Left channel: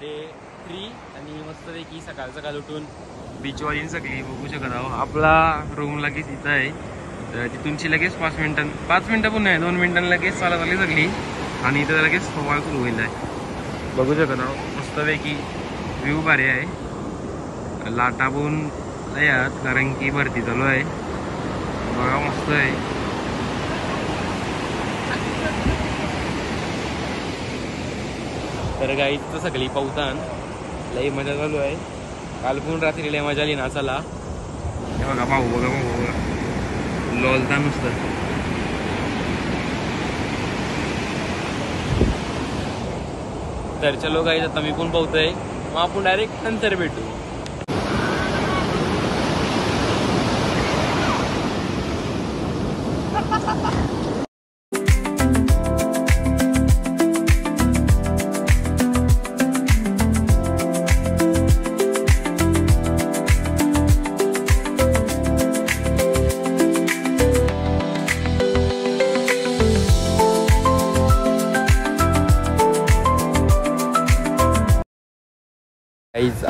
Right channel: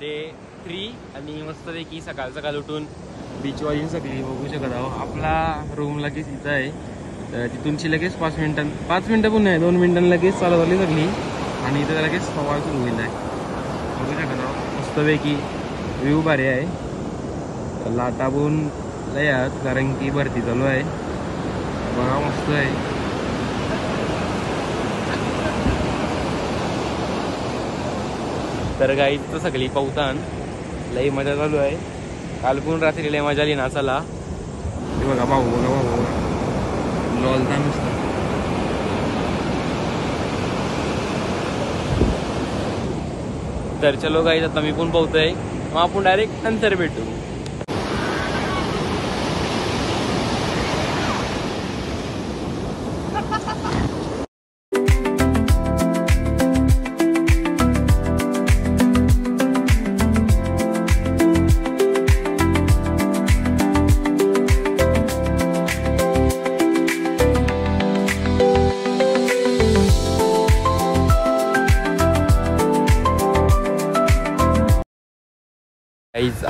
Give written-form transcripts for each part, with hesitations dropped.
3 आणि मस्तपैकी सकाळ सकाळ उठून बीचवाली सगळी बघू शकत आहो. आपला रूम लगेच इथं आहे, तिथूनची लगेच 5 मिनिटं पण नाही 2 मिनिटांनी लगेच चालवली सगळी आणि इथं लगेच फवार सुरू होईल. बघू शकत आहो मस्तपैकी व्ह्यू भारी आहे. लाटा पण लय आहेत कारण की भरती चालू आहे. बघा मस्त आहे. तर गाईज तर सगळी पावसान लई मजा चालू आहे. काल पण रात्री लय मजा आली नाचाला. बघा भाऊ लॉलता नुसतं. तर चलो गाईज आता मी पण पावतोय, मग आपण डायरेक्ट नंतर भेटू.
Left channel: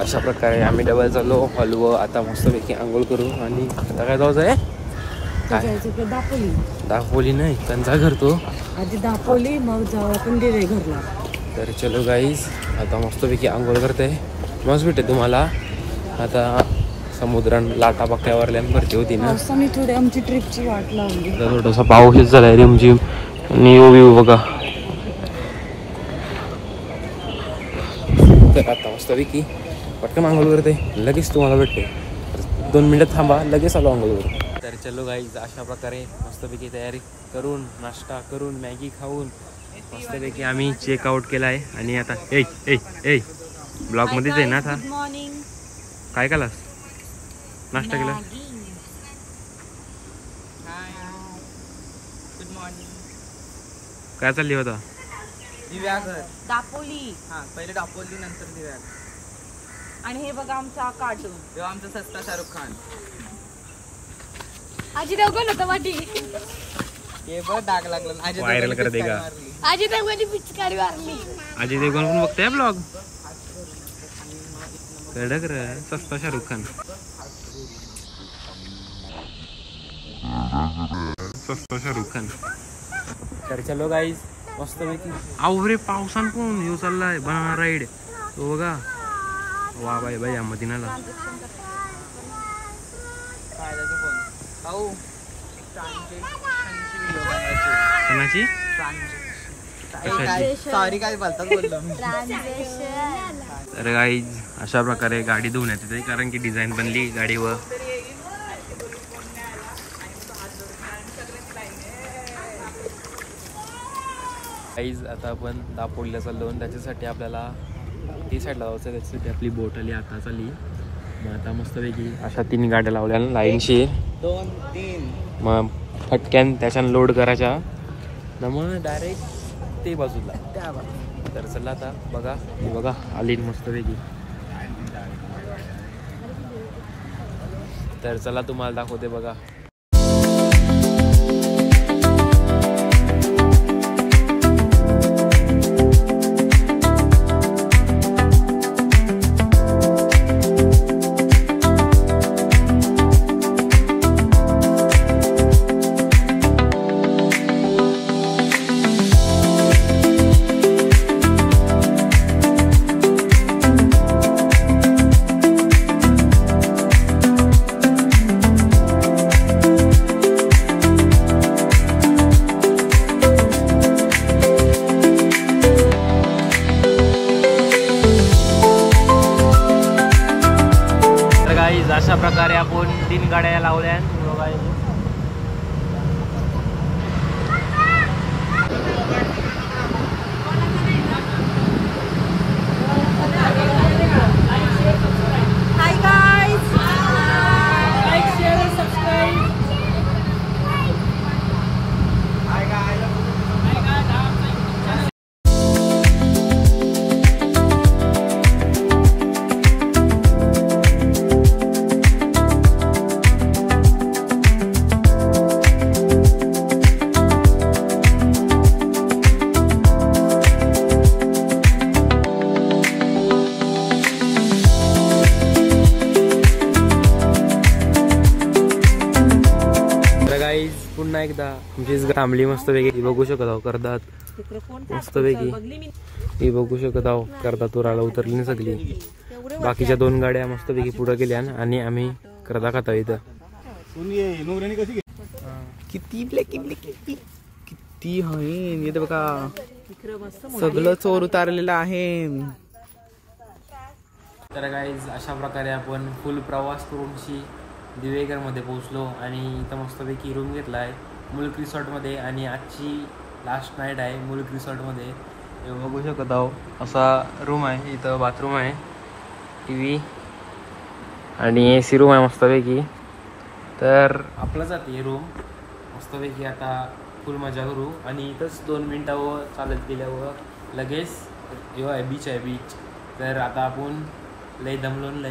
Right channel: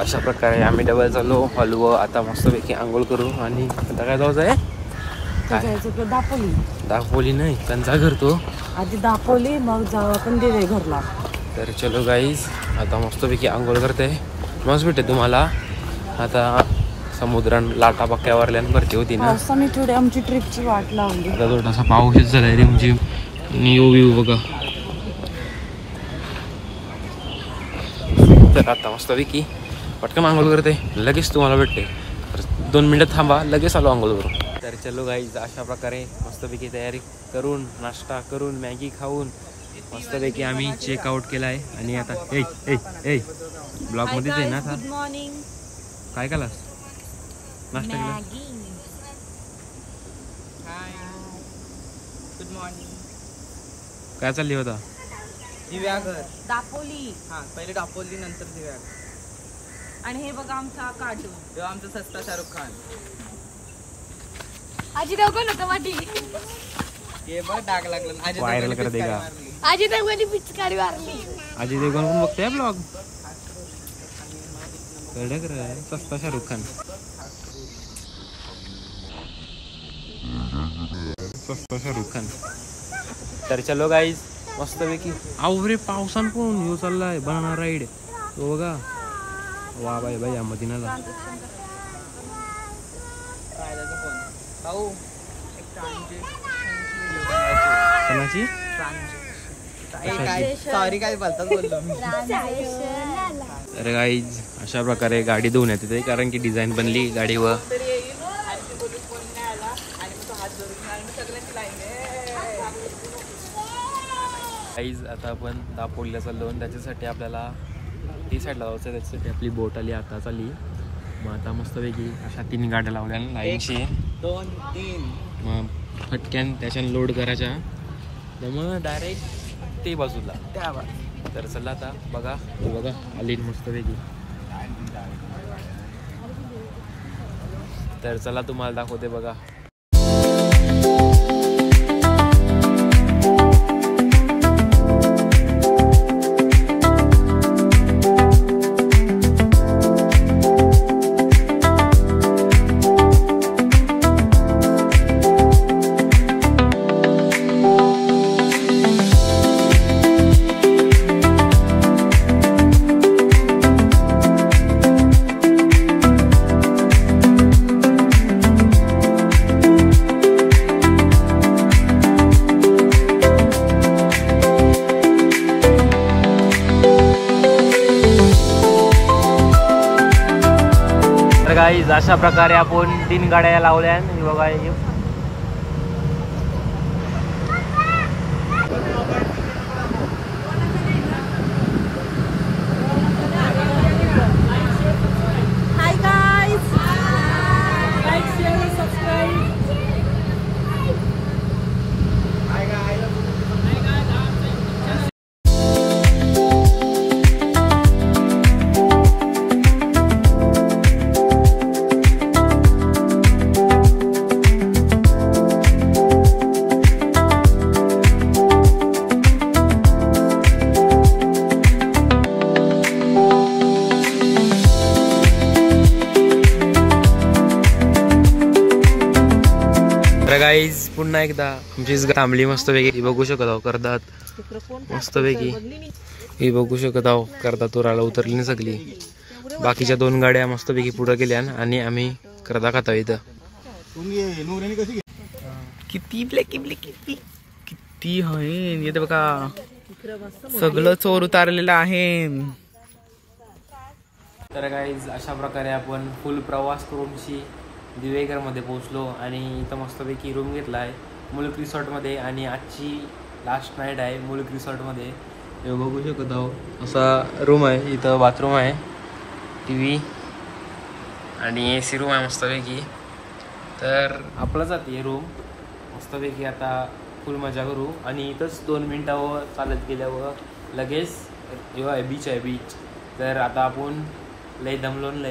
अशा प्रकारे आम्ही डबल चाललो हलवं. आता मस्तपैकी आंघोळ करू आणि आता काय जायचं आहे? दापोली नाही कंचा करतो आधी दापोली मग जाऊ कंदीर आहे घरला. तर चलो गाईज आता मस्तपैकी आंघोळ करते. मस्त भेटते तुम्हाला. आता समुद्रात लाटा पक्क्यावरल्या भरती होती ना, मी थोडी आमची ट्रिपची वाट लावली. आता थोडासा पाऊसच झालाय रिमझिम आणि व्ह्यू बघा. तर आता मस्तपैकी पटकन आंघोळ करते, लगेच तुम्हाला भेटते. 2 मिनिटं थांबा, लगेच आलो आंघोळ करून. तर चलो गाईज अशा प्रकारे मस्तपैकी तयारी करून नाश्ता करून मॅगी खाऊन मस्तपैकी आम्ही चेकआउट केला आहे. आणि आता ब्लॉग मध्येच आहे ना. आता गुड मॉर्निंग. काय केलास? नाश्ता केला? Good morning. काय चालली होता? दिव्याघर दापोली. हा पहिले दापोली नंतर दिव्याघर. आणि हे बघा आमचा कार्टून, तेव्हा आमचा सस्ता शाहरुख खान. आजी देवगण होता वाटी. हे बघ डाग लागला. व्हायरल कर दे का? आजी देवगण पिचकारी मारली. अजय देवगण पण बघताय ब्लॉग. कडक रे सस्ता शाहरुख खान. सस्ता शाहरुख खान. तर चलो गाईज मस्तपैकी आवरे पावसान पण येऊ चाललाय बनाना राईड. तो बघा वा बाई बाई या मदिनाला. कोणाची? सॉरी काय बोलतात बोललो मी. तर गाईज अशा प्रकारे गाडी धुवण्यात येते कारण की डिझाईन बनली गाडीवर. गाईज आता आपण दापोलीला चाललो आणि त्याच्यासाठी आपल्याला ती साईडला जायचं. त्याच्यासाठी आपली बोट आली आता चालली. मग आता मस्तपैकी अशा 3 गाड्या लावल्या लाईनशी. 2-3 मग फटक्यान त्याच्यानं लोड करायच्या ना मग डायरेक्ट ते बाजूला त्या. तर चला आता बघा बघा आली मस्तपैकी. तर चला तुम्हाला दाखवते बघा. गाईज अशा प्रकारे आपण 3 गाड्या लावल्या बघा. Hi guys, like share subscribe. तर गाईज पुन्हा एकदा आमची थांबली मस्त पैकी बघू शकत आहो करतात मस्त पैकी ही बघू शकत आहो करतात तोराला उतरली ना सगळी. बाकीच्या 2 गाड्या मस्त पैकी पुढे गेल्या आणि आम्ही करदा खाता इथं. किती किती आहे बघा सगळं चोर उतारलेलं आहे. तर गाईज अशा प्रकारे आपण फुल प्रवास करूनशी दिवेघर मध्ये पोहोचलो आणि इथं मस्तपैकी रूम घेतला आहे मुलुक रिसॉर्टमध्ये आणि आजची लास्ट नाईट आहे मुलुक रिसॉर्टमध्ये. हे बघू शकत आहो असा रूम आहे. इथं बाथरूम आहे, TV आणि AC रूम आहे मस्तपैकी. तर आपलं जाते रूम मस्तपैकी. आता फुल मजा करू आणि इथंच 2 मिनिटावर चालत गेल्यावर लगेच जेव्हा आहे बीच आहे बीच. तर आता आपण लय दमलोन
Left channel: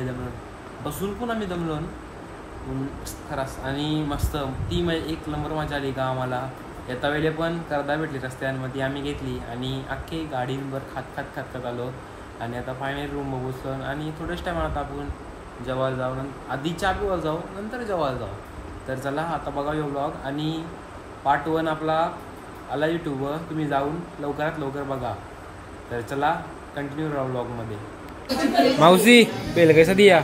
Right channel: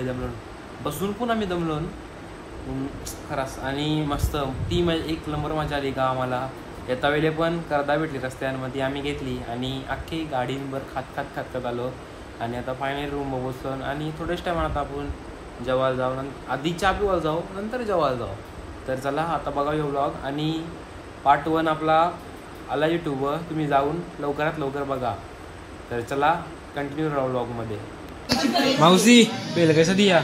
बसून पण आम्ही दमलोन खरास आणि मस्त ती एक नंबर मजा आली का आम्हाला. येता वेळेला पण करदा भेटली रस्त्यांमध्ये आम्ही घेतली आणि अख्खी गाडींवर खात आलो आणि आता फायनल रूम बघतो आणि थोड्याच टायमात आपण जेवायला जाऊ. आधी चहा पिवायला जाऊ नंतर जेवायला जाऊ. तर चला आता बघा यो ब्लॉग आणि पार्ट 1 आपला आला यूट्यूबवर. तुम्ही जाऊन लवकरात लवकर बघा. तर चला कंटिन्यू राहू ब्लॉगमध्ये. मावशी पेल कैसा दिया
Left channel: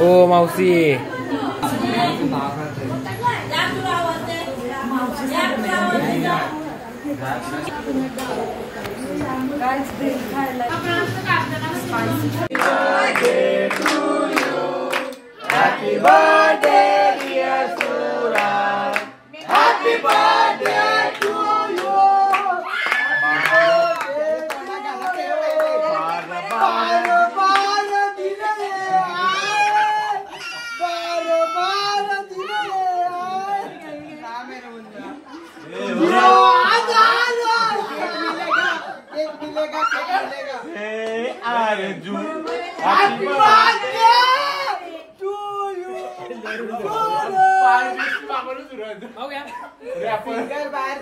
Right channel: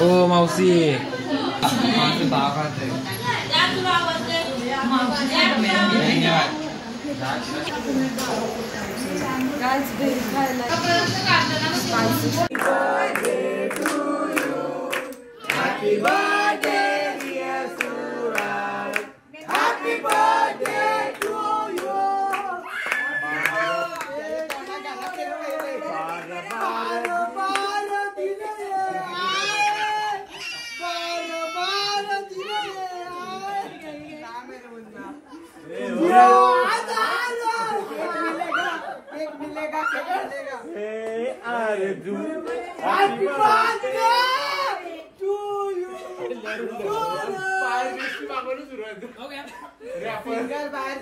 ओ मावशी.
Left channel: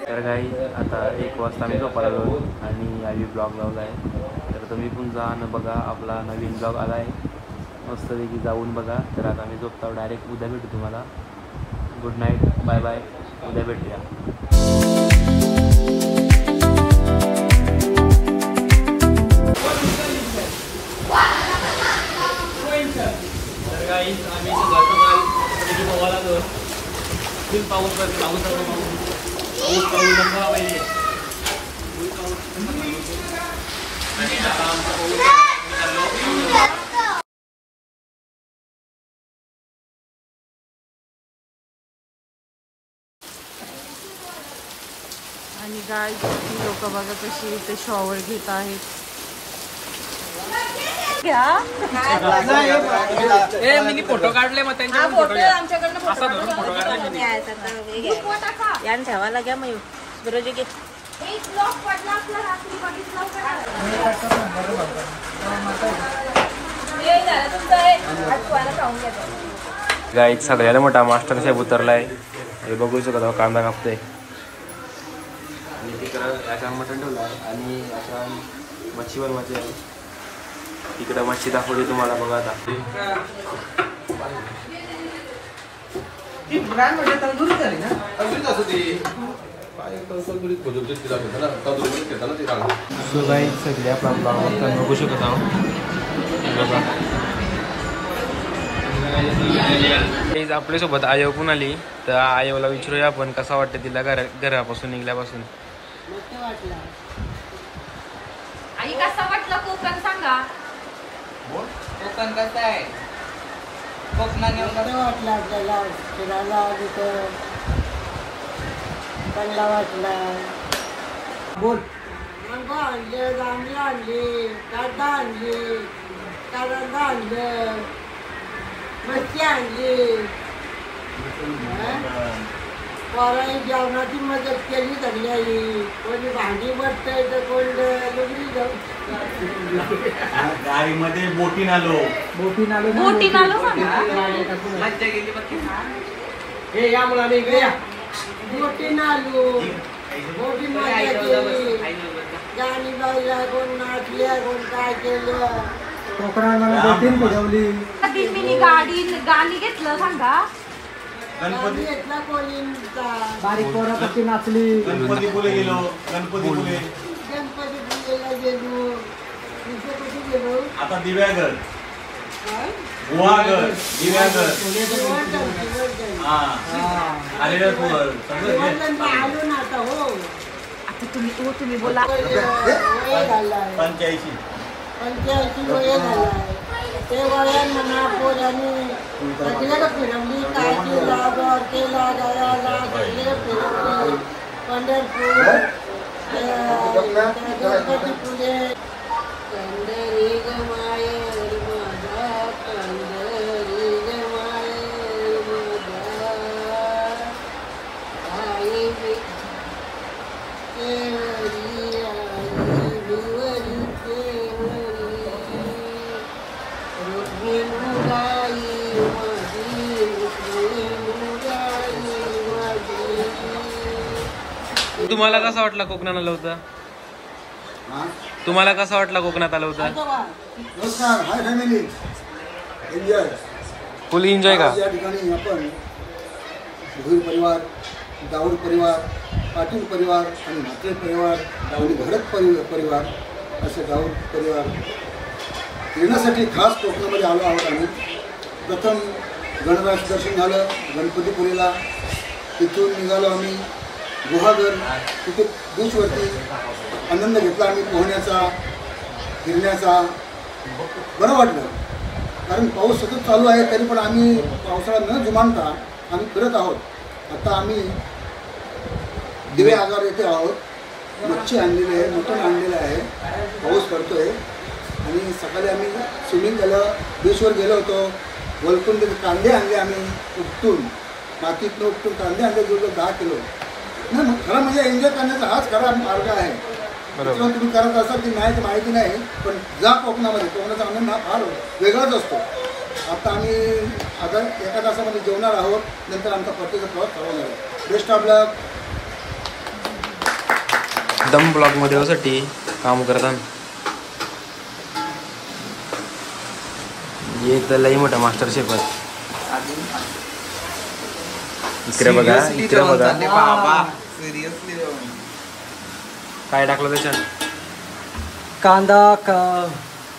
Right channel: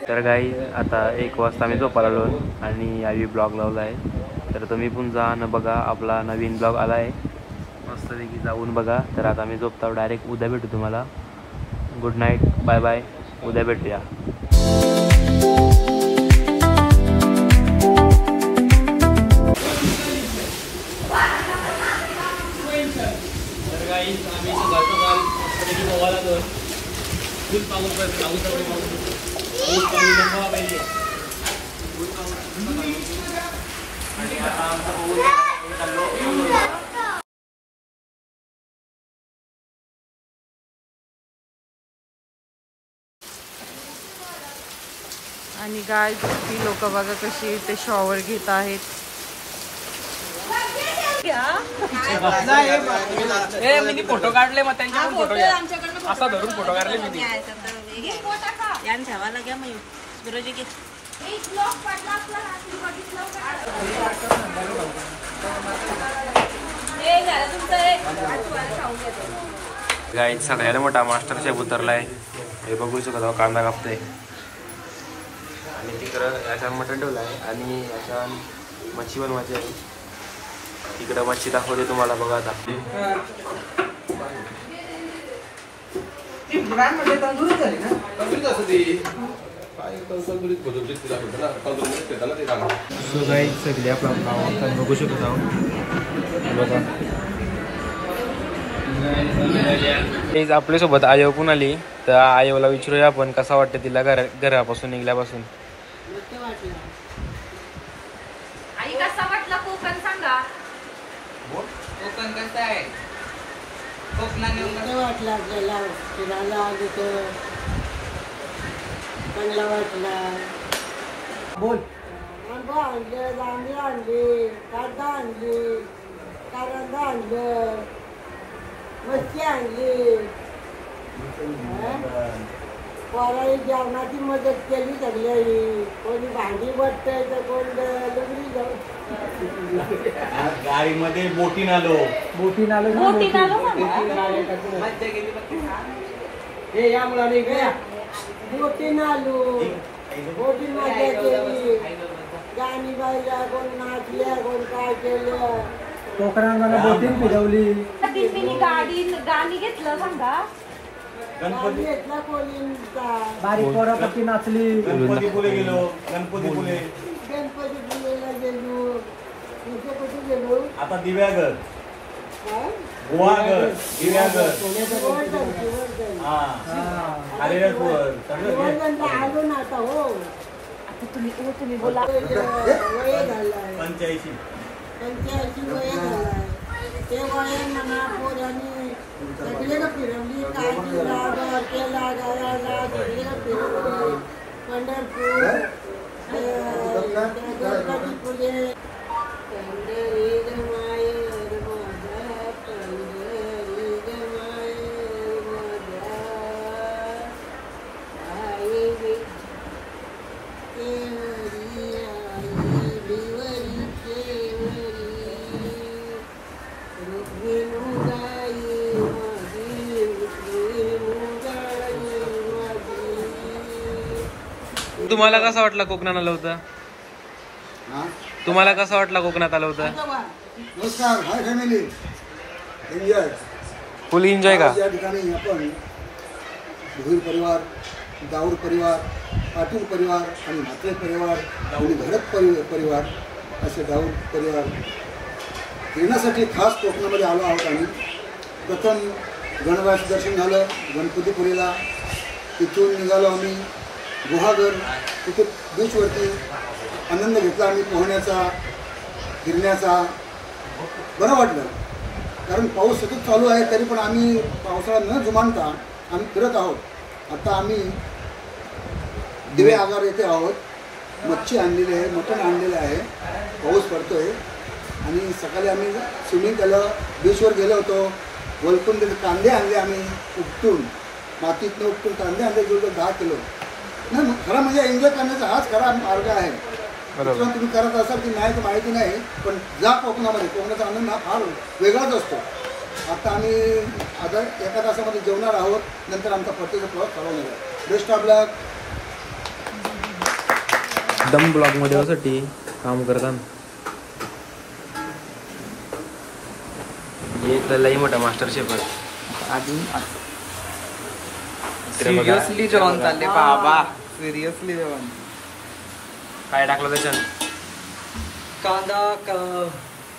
तर गाई आता 1 वाजता आम्ही झोपायला आलो आणि आम्ही ब्लॉग लावला आहे. तर तुम्ही पण जा न बघा आपला नवीन ब्लॉग आला आहे मस्तपैकी जाऊन बघा. तर आता आम्ही झोपतो डायरेक्ट उद्या भेटू तुम्हाला. गुड नाईट बाय बाय उद्या भेटूया. तर गाई आम्ही सकाळ गोवाला आलो. फुल पाऊस आणि आता आणि गाय ती लोक बघा कशी ते शॉवर घेत आहेत. मी फोटो काढले मग त्यांच्या फोटो घ्या असा धरून फोटो काढले मी ठेवायला घ्या मग बरोबर. गाईत सगळ्याला मोठा मास्टर शेफ उतरलाय. हे बघू शकता कांदा कापतोय आणि तिकडं याच्या मटण ठेवलं आहे आणि अशा मच्छी बनवायची आहे. तिकडं मच्छी दाखवते तुम्हाला बघा आता. सो गाईत सगळे आपला बघू शकत आहोत. बघा आपल्यासोबत आयो पण आली. तर आयोला विचारूया आपण कसा वाटतं तिला घरापासून निघल्यापासून. आई कसा वाटला कोकण सांगा. कोकण कसं आहे कोकणात वाटलं आपल्याला फिरायला तिथं चांगला वाटला. बोल आणले जांभळी आणली कांदा आणली कांदा आणलं मच्छी आणली. पोरांनी जेवणाची मदत केली सगळ्यांनी. कोणी भांडी बसतंय तर कोण लुगडी गाडीमध्ये बोटीन आलो मज्जा गेली बाकी हे या मला मी गया बोटीन आलो. बोटी मजा केली. गाणी बाईला कोण नाचल्या कोण काय केलं. कोकणात मला बोटीन फिरवली. गाणी घेतलं सांगा. गणपती घेतला कोलिनचा. गणपती फुले गेलो. गणपती फुले. गणपती पुण्याला गेलो. दुसरं कुठे गेलो? आता दिव्यागड, हा? गुहागर, दिव्यागड. शिवर्धन. हा आलेलं सगळं घे. शिवर्धनला आलो ना आता. हो तुम्ही बोला. वय झालाय 85. 85 वय झालाय. ते वयात म्हणा पोरांनी सगळ्याला फिरवली. काय केला द्वारकेला गयाला सगळीकडे फिरवली. पंढरपूर गणपती पुढे पंढरी ग मायर माझा पंढरी ग मायर माझा आई केवरी आई भिवरी केवरी रुक्मिणीबाई माझी रुक्मिणीबाई माझी. तुम्हाला कसा वाटला कोकणात आलं होतं? तुम्हाला कसा वाटला कोकणात आलं होतं? नमस्कार, हाय फॅमिली, एन्जॉय. फुल एन्जॉय का? या ठिकाणी आपण भुईर परिवार, दाऊर परिवार, पाटील परिवार आणि म्हात्रे परिवार आणि घडत परिवार असे दाऊर परिवार फिरण्यासाठी खास कोकणामध्ये आलो आहोत. आम्ही प्रथम गणराज दर्शन झालं गणपतीपुरीला. तिथून निघालो आम्ही गुहागर. तिथे बीचवरती आनंद घेतला आम्ही पोहण्याचा, फिरण्याचा. बरं वाटलं कारण पाऊस सतत चालू आहे तरी पण आम्ही पावसाळा न जुमानता आम्ही फिरत आहोत. आता आम्ही दिवे आगार येथे आहोत. मच्छी आणलेली आहे, मटण आणलेलं आहे. पाऊस पडतोय आणि सकाळी आम्ही स्विमिंग केलं, बीचवर गेलो होतो. वलकून कांदे आणले आम्ही उपटून, मातीतनं उपटून कांदे आणले जवळजवळ 10 किलो. नाही मग खरं म्हणजे एन्जॉय करण्याचा हाच खरा मार्ग आहे. मित्रांनो, तुम्ही करत असाल की नाही ते माहिती नाही, पण जा कोकणामध्ये. कोकणाचा आनंद हा फार वेगळाच असतो. आता आम्ही आता एका तासामध्ये जेवणार आहोत. नंतर आमचा परतीचा प्रवास चालू होणार आहे. बेस्ट ऑफ लक. दम ब्लॉग मध्ये यासाठी काम करतात. एक लई मोठा मास्टर शेफ आहे. सिरियसली जेवण चालले बाबा. सिरियसली जेवण. काय टाकलं त्याच्यात? कांदा,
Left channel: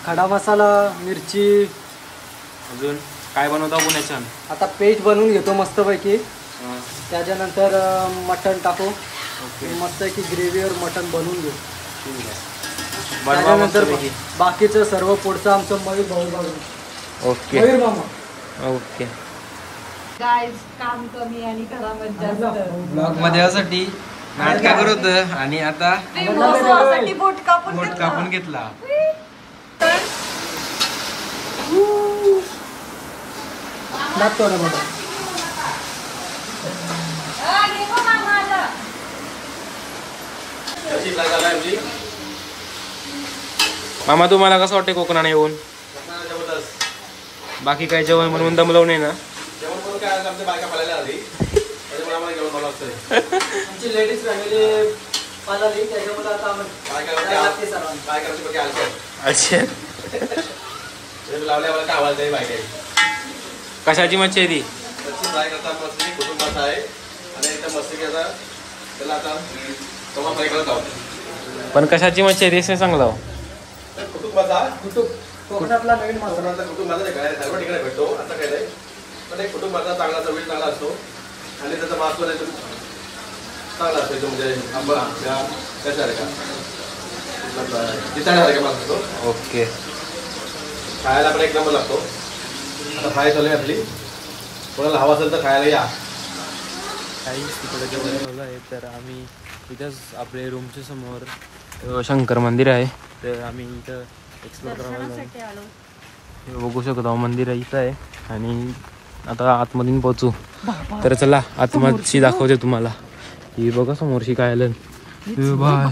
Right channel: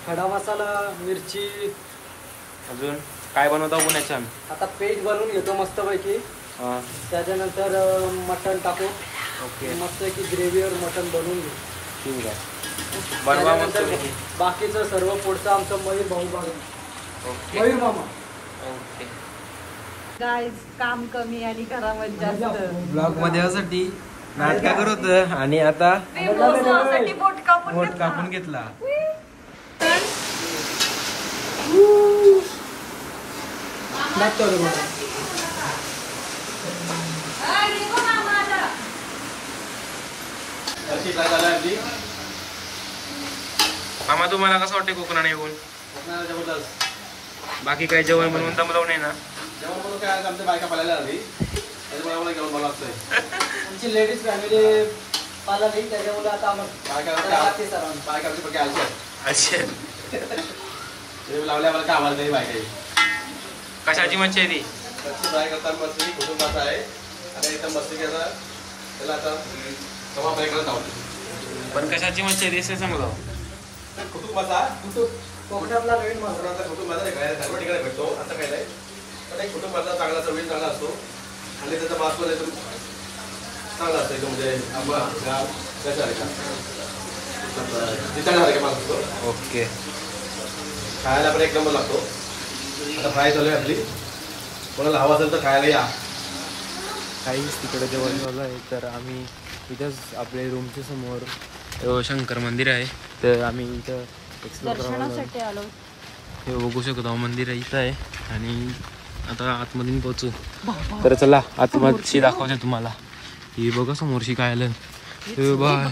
खडा मसाला, मिरची. अजून काय बनवता पुण्याच्या? आता पेस्ट बनवून घेतो मस्तपैकी. हा, त्याच्यानंतर मटण टाकू. ओके, मस्तपैकी ग्रेव्हीवर मटण बनवून घेऊ. ठीक आहे. बनवा मस्त त्याच्यानंतर बाकीचं सर्व पुढचं आमचं मयूर भाऊ बघा. ओके मयूर मामा. ओके. गाईज काम कमी आणि घरामध्ये जास्त. ब्लॉग मध्ये यासाठी नाटका करत होतं आणि आता बोट कापून बोट कापून घेतला. लागतो ना बघा. मामा तुम्हाला कसं वाटतं कोकणाने येऊन? बाकी काय जेवण म्हणून दमलव नाही ना? जेवण म्हणून काय आज आमच्या बायका पळायला आली त्याच्यामुळे आम्हाला जेवण बनवावं लागतं. आमची लेडीज फॅमिली पाहिली त्याच्यामुळे आता आम्हाला लागते सर्वांना. बायकांची बघा आलशी अच्छा, लावल्या मला काय आवाज नाही बायका. कशाची मच्छी आहे ती? त्याची फ्राय करतात मस्त कुटुंबाचा आहे आणि एकदम मस्त की आता त्याला आता तवा फ्राय करत आहोत. पण कशाची मच्छी आहे ते सांगला. कुटुंबाचा कोकणातला नवीन मसाला. कुटुंबाचा काय सर्व ठिकाणी भेटतो. आता काय नाही पण एक कुटुंबाचा चांगला चवील चांगला असतो आणि त्याचा मास पण एकदम चांगला असतो. एकदम म्हणजे आंबा कशा आहे का तिथं आहे का मास असतो. ओके, खायला पण एक नंबर लागतो. आता फ्राय चालू आहे आपली. कोणाला हवा असेल तर खायला या. काही तिकडे जेवण झालं आहे तर आम्ही इथंच आपल्या रूमच्या समोर शंकर मंदिर आहे तर आम्ही इथं एक्सप्लोर करायला आलो. हे बघू शकतो मंदिर आहे इथं आहे आणि आता आतमधून पोहोचू. तर चला आतमधशी दाखवते तुम्हाला. ही बघा समोरशी काय आलं. बाय.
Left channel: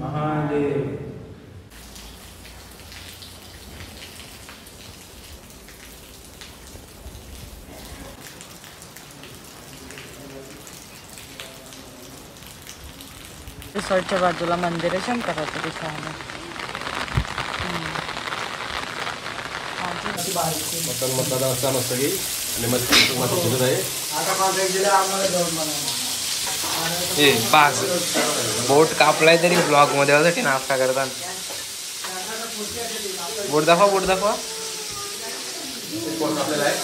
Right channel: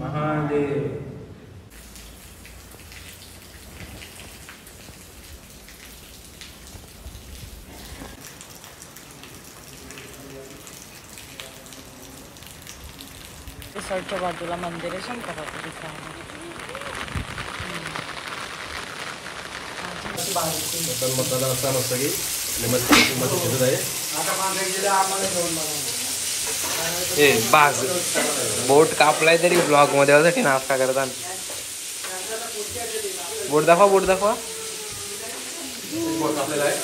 महादेव. रिसॉर्टच्या बाजूला मंदिर आहे शंकराचं. मटन मसाला असा मस्त की आणि मस्त शिजत आहे. बाग बोट कापलाय तरी ब्लॉग मध्ये यासाठी नाश्ता करतात. बोट दाखवा, बोट दाखवा. आपल्याला आहे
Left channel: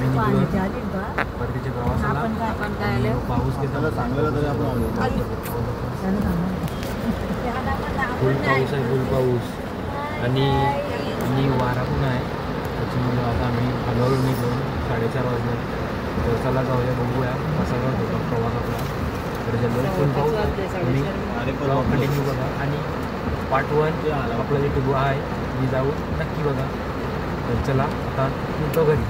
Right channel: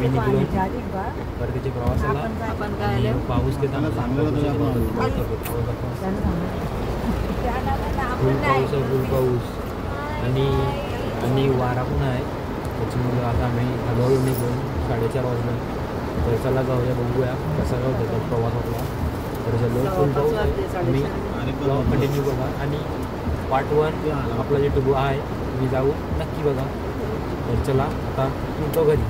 मी निघलो परतीच्या प्रवासाला. पाऊस घेताना चांगलं फुल पाऊस आहे, फुल पाऊस आणि वारा पण आहे. त्याच्यामुळे आता आम्ही हळूहळू निघून 4:30 वाजले. तर चला जाऊया, बघूया कसा होतो प्रवास आपला. तर झालो फुल पाऊस आणि ब्लॉग कंटिन्यू बघा. आणि पार्ट 1 आपला यूट्यूब आहे, मी जाऊ नक्की बघा. तर चला आता निघतो घरी.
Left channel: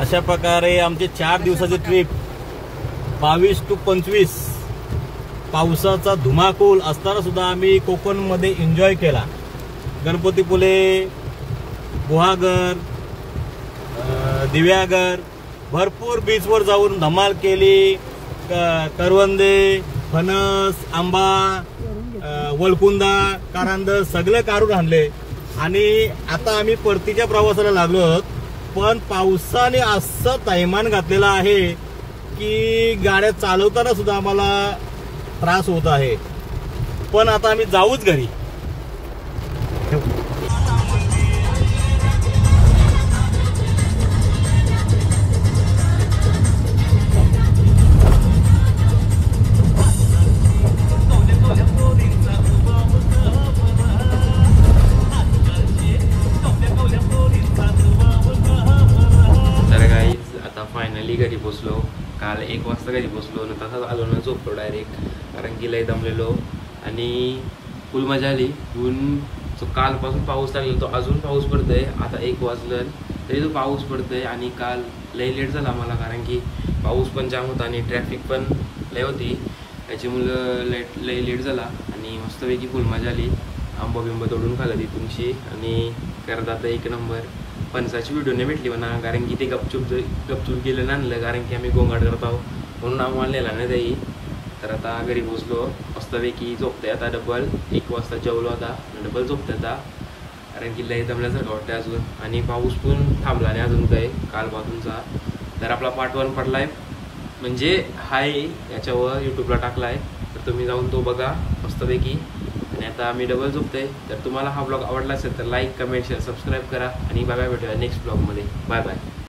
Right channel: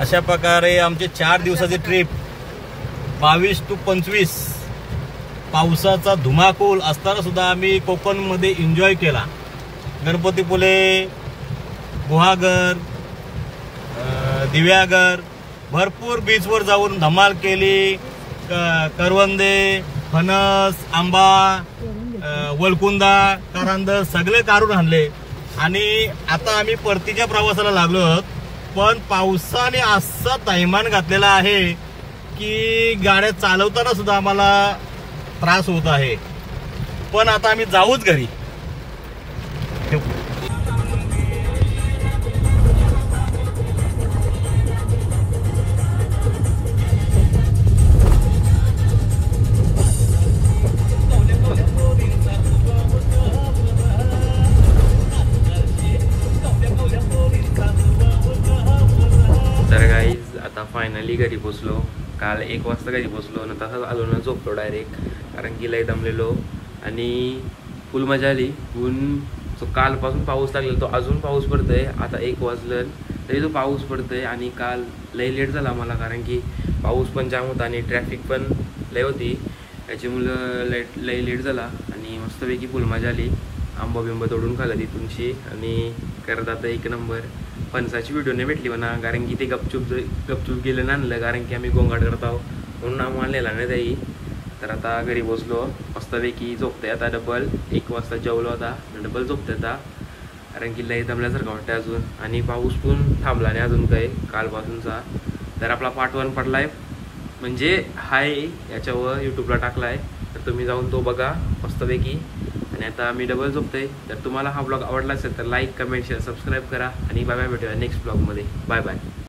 अशा प्रकारे आमचे 4 दिवसाची ट्रिप 22 to 25 पावसाचा धुमाकूल असताना सुद्धा आम्ही कोकणमध्ये एन्जॉय केला. गणपतीपुळे, गुहागर, दिव्यागर, भरपूर बीचवर जाऊन धमाल केली. करवंदे, फणस, आंबा, वलकुंदा, कारंदर सगळे काढून आणले. आणि आता आम्ही परतीच्या प्रवासाला लागलो आहोत. पण पावसाने असं थैमान घातलेला आहे की गाड्या चालवताना सुद्धा आम्हाला त्रास होत आहे. पण आता आम्ही जाऊच घरी. फायनली घरी पोचलो. काल 1 वाजता घरी पोचलो ना, तसाच आलो ना झोपलो डायरेक्ट, कारण की लय दमलेलो. आणि फुल मजा आली. ऊन जो कालपासून पाऊस लागलेला तो अजून पाऊस पडतोय. आता 1 वाजलं तरी तो पाऊस पडतोय. आणि काल लय लेट झाला मला, कारण की पाऊस पण जाम होता आणि ट्रॅफिक पण लय होती. त्याच्यामुळं लय लेट झाला. आणि मस्तपैकी फुल मजा आली. आंबा बिंबा तोडून खाल्ला तिथूनशी. आणि करत आता 1 नंबर. फणसाची व्हिडिओ नाही भेटली म्हणा, कारण की ते गपचूप गेलं आणलं, कारण की आम्ही गोंगाट करत आहोत म्हणून आम्हाला नेला नाही त्याही. तर आता घरी बसलो मस्तपैकी. झोपते आता डबल. 1 वाजता जेवलो आता, डबल झोपते आता, कारण की लय दमल्यासारखं वाटतं अजून. आणि पाऊस पण थांबला नाही अजून काही कालपासूनचा. तर आपला पार्ट 1 पडलाय, म्हणजे हाय याच्यावर यूट्यूबला टाकला आहे. तर तुम्ही जाऊन तो बघा मस्तपैकी. आणि आता आम्ही डबल झोपतोय. तर तुम्हाला हा ब्लॉग आवडला असेल तर लाईक, कमेंट, शेअर, सबस्क्राईब करा. आणि बाय बाय, भेटूया नेक्स्ट ब्लॉगमध्ये. Bye bye.